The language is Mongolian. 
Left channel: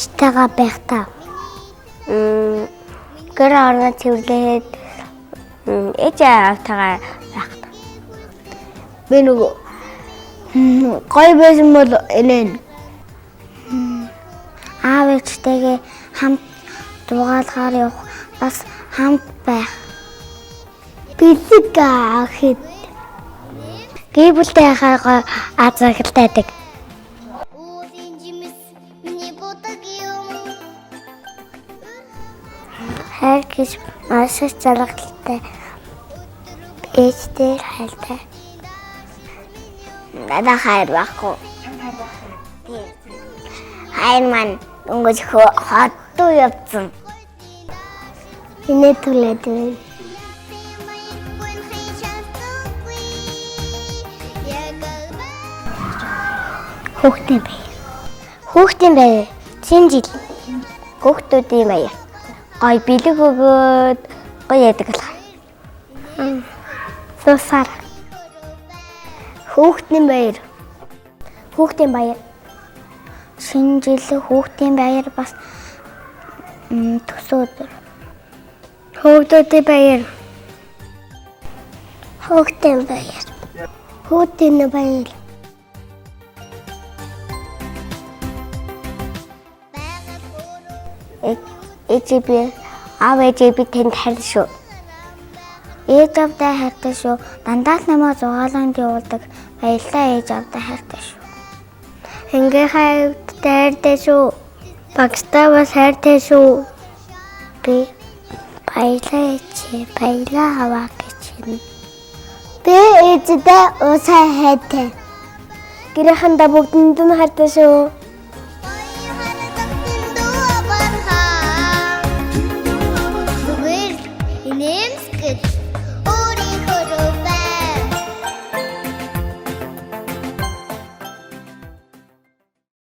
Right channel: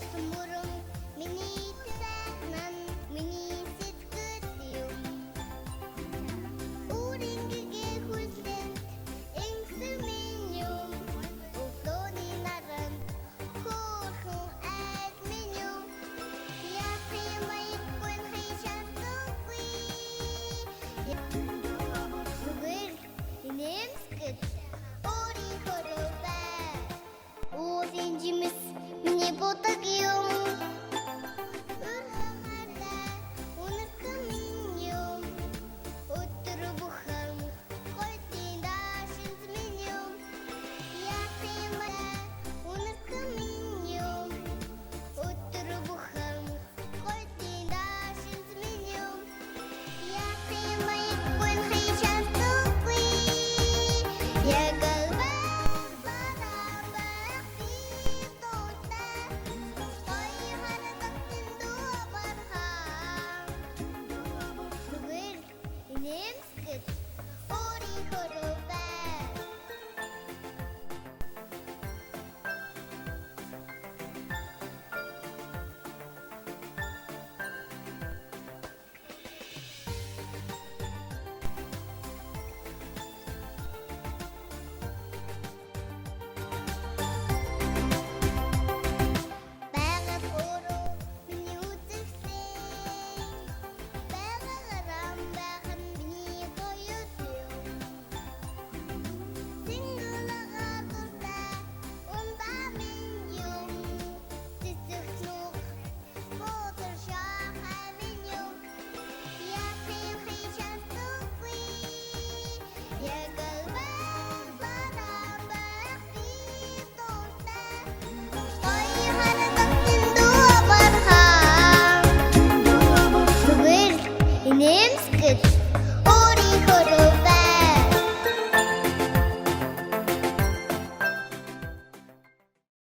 ээжтэйгээ байх таа. Гэр орно цэвэрлээд ээжээ автагаар байх. Би нөгөө гоё байсан бол энэ Аав ээжтэйгээ хамт дугаалгаар явах, бас хамт байх. бэлэг ахид Гэр бүлтэй хаагаа азагтайдаг. Хайр гэж маш их жаргалтай. Ээжтэй хайртай. Надад хайр байхгүй. Хайр маань өнгөж хотдоо явцсан. инээ түлээд Хүүхдийн бай. Хүүхдийн бай. Шинэ жил. Хүүхдүүдийн бай. Гой бэлэг өгөөд гоё яадаг л. сусаар Хүүхдийн баяр. Хүүхдийн баяр. Шинэ жил хүүхдийн баяр бас төсөө өдөр. хүүхдүүдийн баяр Хүүхдийн баяр. хүүхдийн баяр Ээжээ аав ээжээ би тэнд хайр шүү. Ээж авдаа хайртай шүү. Дандаа л намайг зугааланд явуулдаг. Баярлалаа ээж авдаа хайртай шүү. ингээ хайртай шүү. Багстай бас хайртай шүү. Би баярлалаа ээжээ. Баярлалаа аваа гэж хэлнэ. Би ээжтэй уусаа хайртай. Гэрээхэндээ бүгдэнд нь хайртай шүү.